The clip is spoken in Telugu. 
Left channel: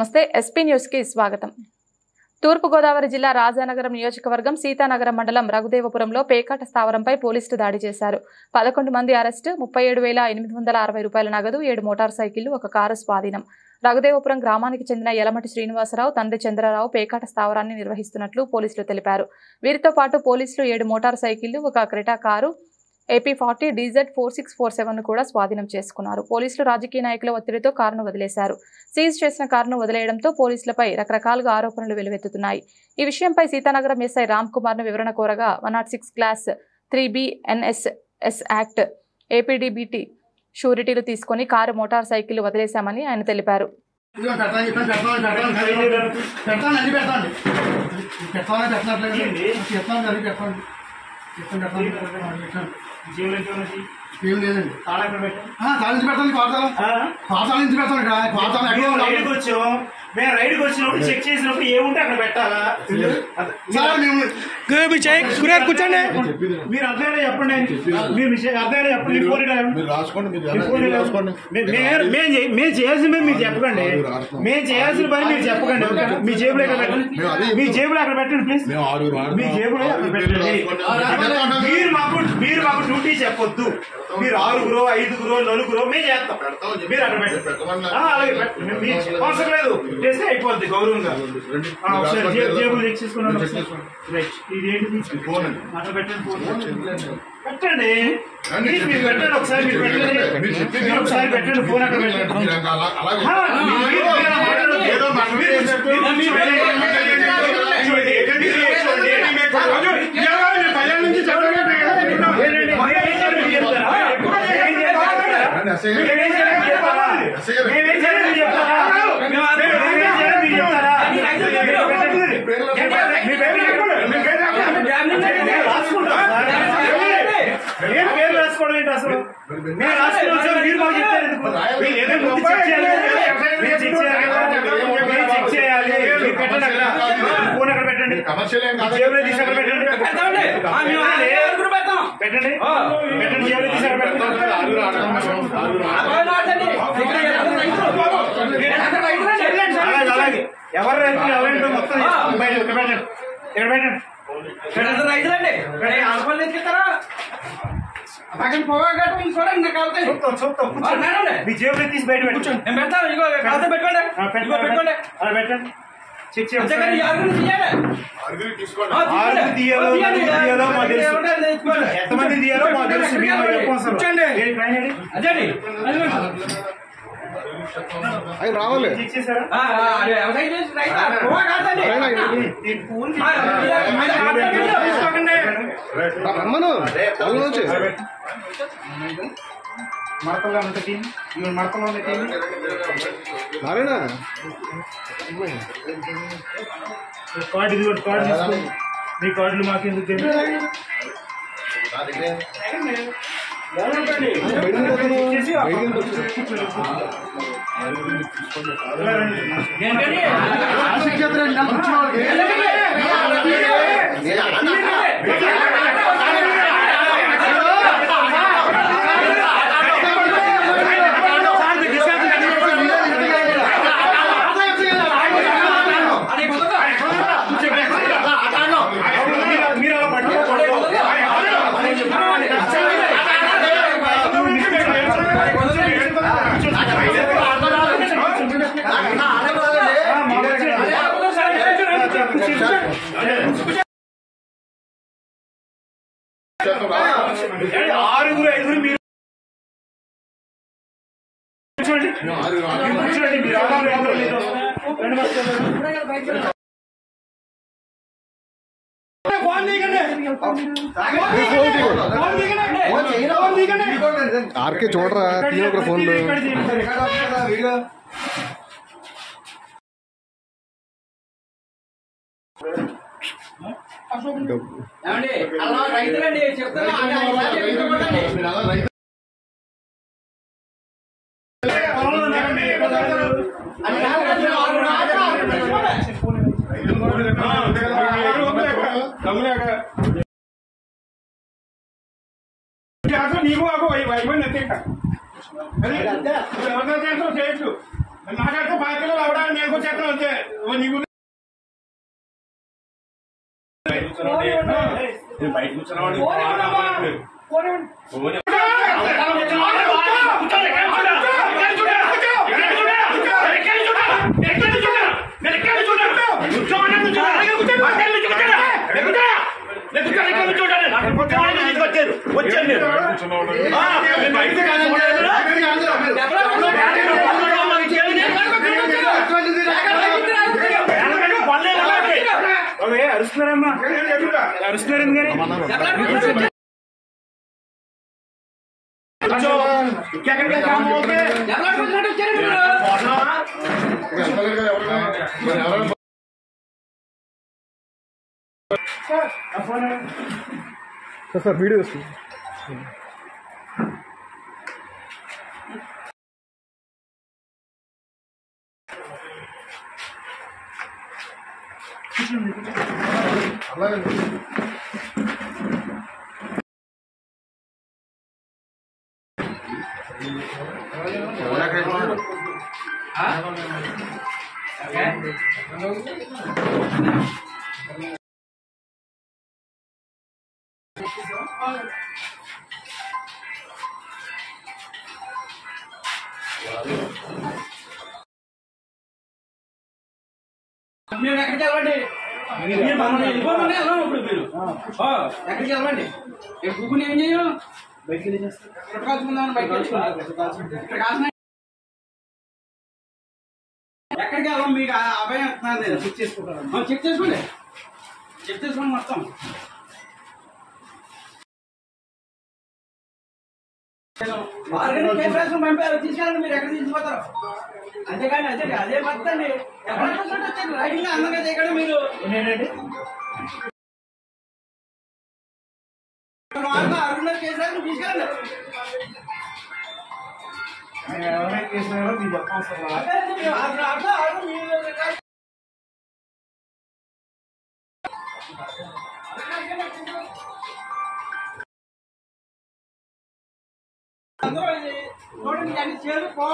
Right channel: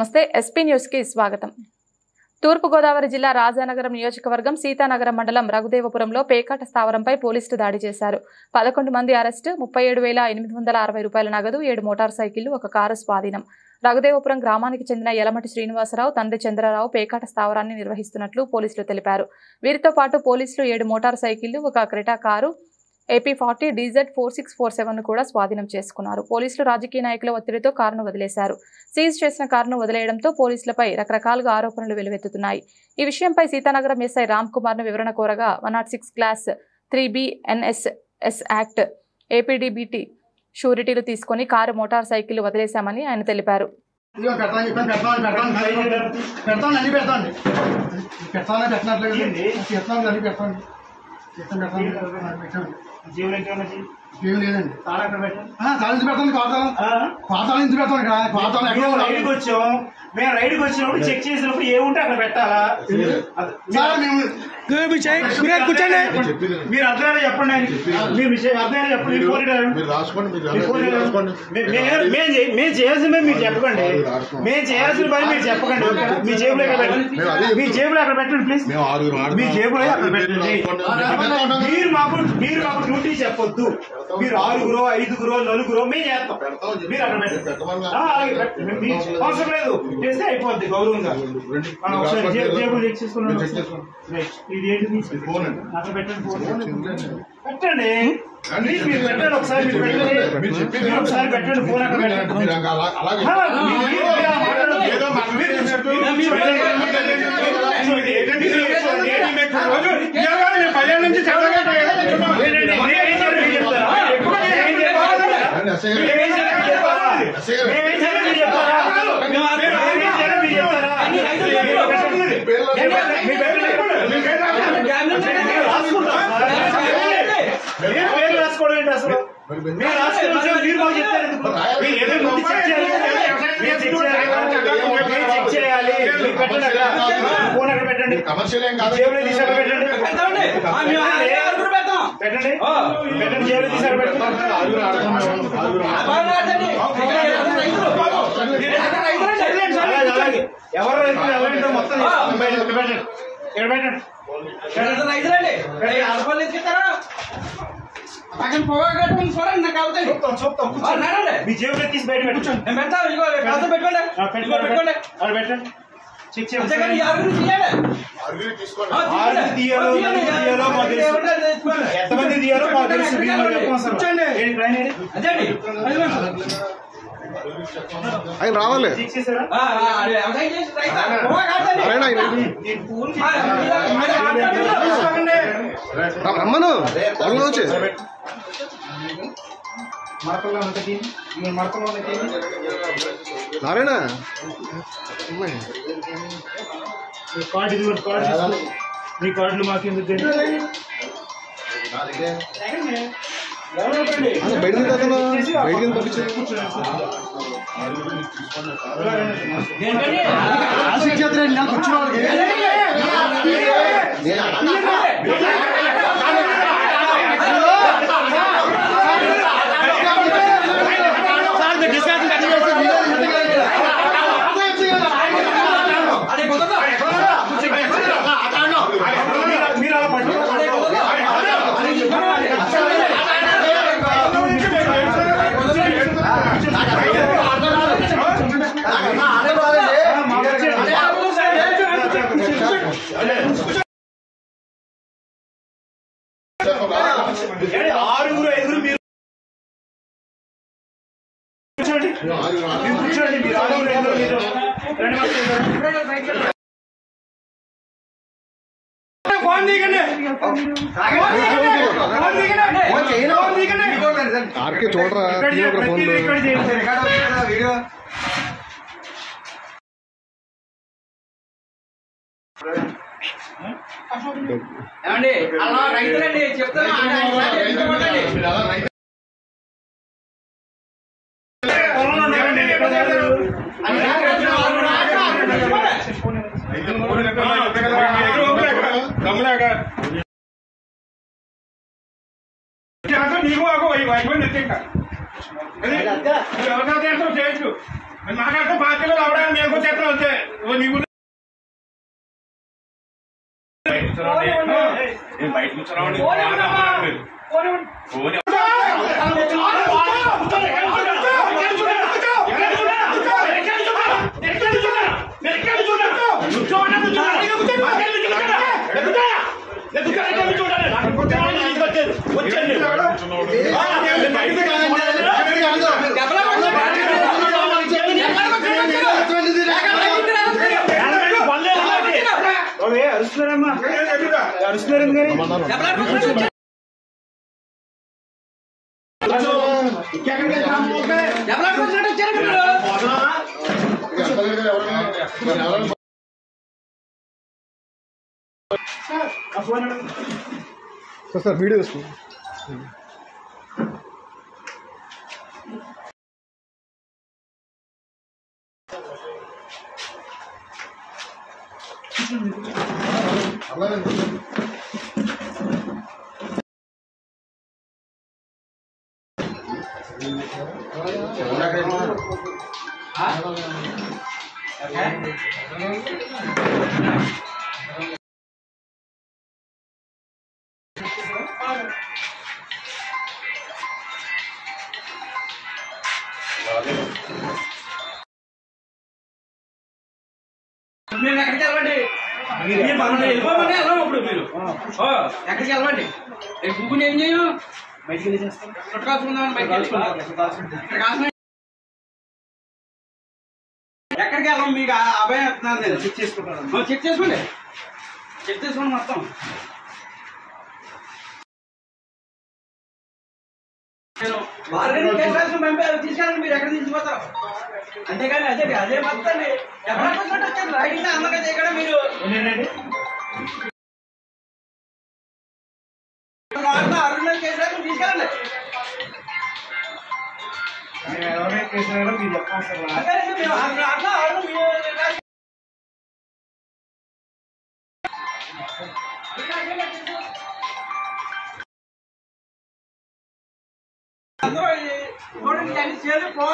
నమస్తే ఎస్పీ న్యూస్ కి స్వాగతం। తూర్పు గోదావరి జిల్లా రాజానగరం నియోజకవర్గం సీతానగరం మండలం రఘుదేవపురంలో పేకాట స్థావరంపై పోలీసులు దాడి చేశారు। 11 మంది అరెస్టు, 37,860 రూపాయల నగదు, 7 మోటార్ సైకిళ్లు, 1 కారు స్వాధీనం। రఘుదేవపురం గ్రామానికి చెందిన యలమటి శ్రీనివాసరావు తండ్రి చంద్రరావు పేకాట స్థావరాన్ని నిర్వహిస్తున్నట్లు పోలీసులు తెలిపారు। వీరితో పాటు పోలీసులు 7 motor సైకిళ్లు, 1 Creta car AP40 DZ4647 కూడా స్వాధీనం చేసుకున్నారు। పోలీసులు రాజకీయ నాయకుల ఒత్తిడితో కారును వదిలేశారు। సీజ్ చేసిన కారును వదిలేయడంతో పోలీసులపై రకరకాలుగా ఆరోపణలు వెలువెత్తుతున్నాయి। ఈ విషయంపై సీతానగరం ఎస్ఐ రామ్ కుమార్ ను వివరణ కోరగా 106 class 3B NSS act APDBT షూరిటీలు తీసుకుని కారు మోటార్ సైకిల్ వదిలేశామని ఆయన తెలిపారు। మేము రైడ్కి వచ్చినప్పుడు చెక్ చేసినప్పుడు ఏముంటే అక్కడ పెట్టాలా? కూర్చోండి, మీరు అర్థమైనా చెప్పండి, మీరు అర్థమైనా చెప్పండి, మేము చేయాల్సిన పని మీరు చెప్పకండి, మేము చేయాల్సిన పని మీరు చెప్పకండి। మీ జేబులో ఎక్కడ పెట్టండి, మీ జేబులో ఎక్కడ పెట్టండి ప్లీజ్, మీ జేబులో అక్కడ పెట్టండి। మీరు మాకు డ్యూటీ చెప్పొద్దు, మీరు 6గురో 5గురో 4గురో మేము చేస్తాం, మీరు అక్కడ పెట్టండి। అలాగే అవసరం లేదు, చేస్తే అయిపోద్ది గౌరవంగా। జేబులు చెక్ చేసుకున్నాను, ఇది ఏంటి ఫోన్ అక్కడ పెట్టండి, ఫోన్ పెట్టండి, మీరు పెట్టండి, ఒకసారి మీరు పెట్టండి, ఒకసారి పెట్టండి ఫోన్ అక్కడ పెట్టండి। రాసుకోవడం ఏంటి అసలు? మేము రాసుకుని మీరు మాకు చెప్తారు, చెక్ చేయాలి, ఫోన్ అక్కడ పెట్టండి, జేబులో తీసి అక్కడ పెట్టండి, పెట్టండి, పెట్టండి, జేబులో తీసి అక్కడ పెట్టండి। అలాగే ఎవరు రైతు మొత్తం పెట్టండి, ఇక్కడ పెట్టండి, మీ జేబులో తీసి బయట పెట్టుకోండి, చెక్ చేయండి। ఎంతమంది తీయాలో మాకు తెలుసు, ఆయన రావాలి, రమ్మను మడతల్లో ఉంటుంది, మడతలో ఉంటుంది నారాయణ కార్డు, ఇది కార్డు తీసుకో, మీ కార్డులు మాకు ఎందుకు తెలియదు? మీరు అలా పట్టుకోండి, ఆరుగురు 5గురు మీరు కూర్చోండి, మీరు 6గురు 5గురు ఆర్కే చూడరా ఫోన్ రైతులండి చెప్తాను, నీకు అయిపోయింది నాకంటే బాధ్యతలు రావడానికి నేను వచ్చేస్తాను అంతే నీకు బయట కూర్చోరావండి అరుస్తున్నారమ్మా అరుస్తున్నారు సార్ వీడియో వస్తుంది మీరు ఎక్కడికి వెళ్ళండి వెళ్ళిపోమని వెళ్ళాం ఇప్పుడు మీరు ఎక్కడికి వెళ్ళండి గుగ్గుని ఏం చేయం బయటకు వెళ్ళి చేస్తాం చుట్టకాల్చుకుందామని బయటకు వెళ్ళి ఎక్కడికి వెళ్ళాం మీకు అభయం వస్తున్నాను నేను చెక్ చేసుకుంటాను చెక్ చేసుకోండి మొత్తం తీసుకెళ్ళండి మీరు ఎక్కడ తీసుకుపోతారు అంతేగాని అదే మొత్తండి ఎవరైనా వచ్చారు రైడింగ్ అందంగా చేయకుండా మీరు అరుణ్ చేశారు తీసుకెళ్ళండి అందరూ చూడండి